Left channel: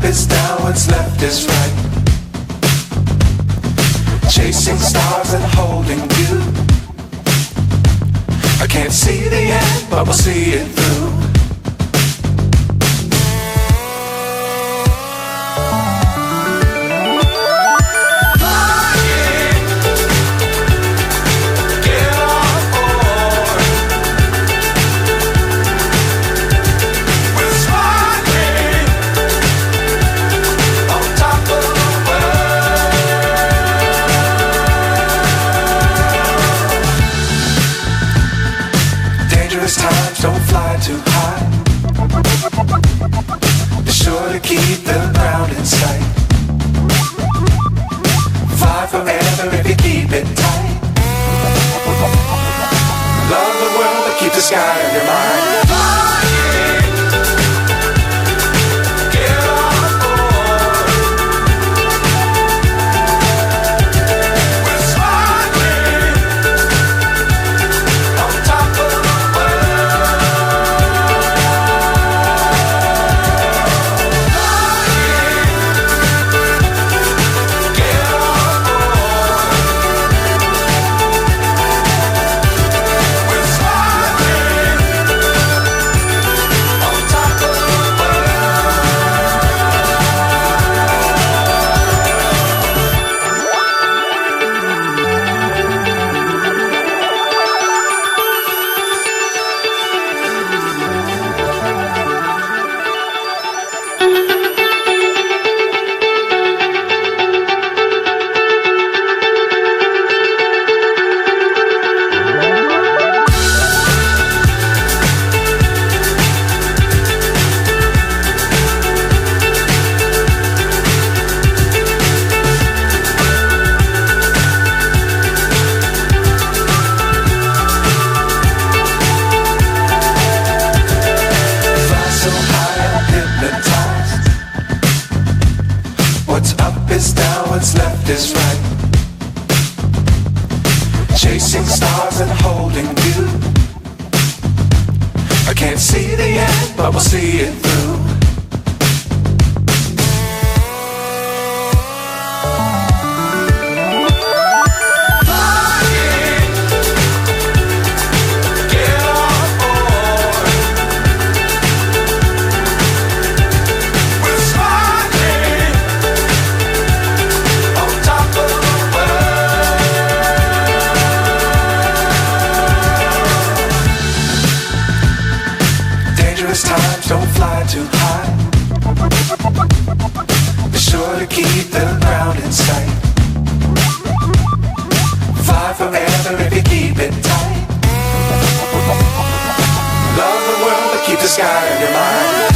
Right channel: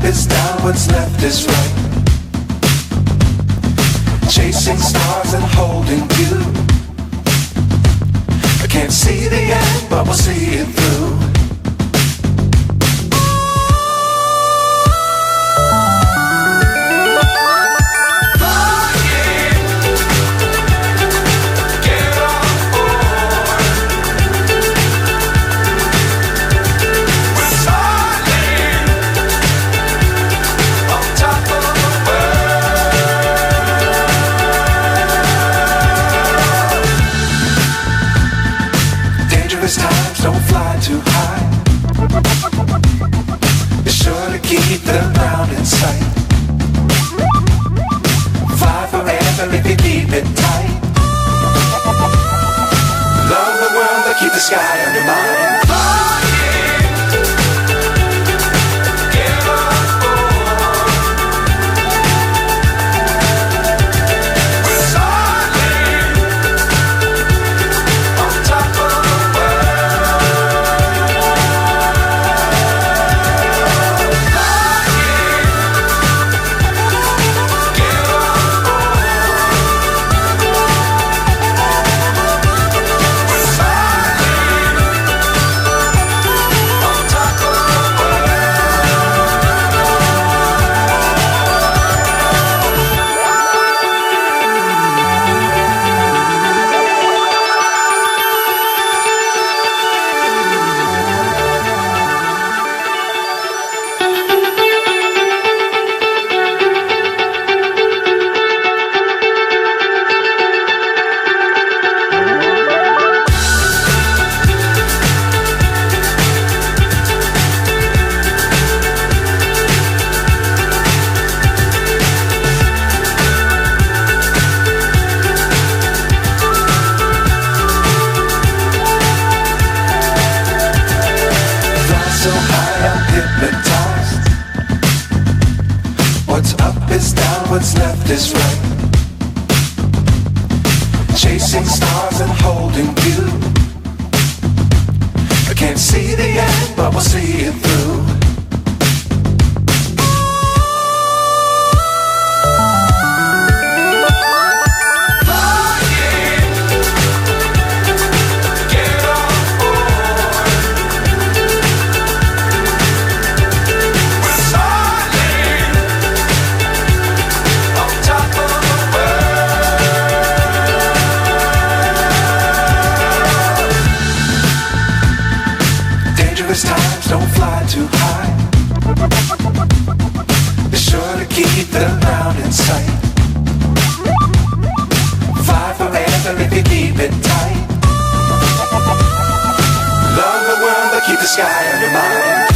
up is down, what's left is right. Chasing stars and holding you. I can't see the end, but we'll see it through. Times don't fly too high. Be sure to keep the ground in sight. Fly forever if you keep it tight. Love the world but keep the sky on your mind. So high I'm hypnotized. What's up is down, what's left is right. Chasing stars and holding you. I can't see the end, but we'll see it through. Times don't fly too high. Be sure to keep the ground in sight. Fly forever if you keep it tight. Love the world but keep the sky on your mind.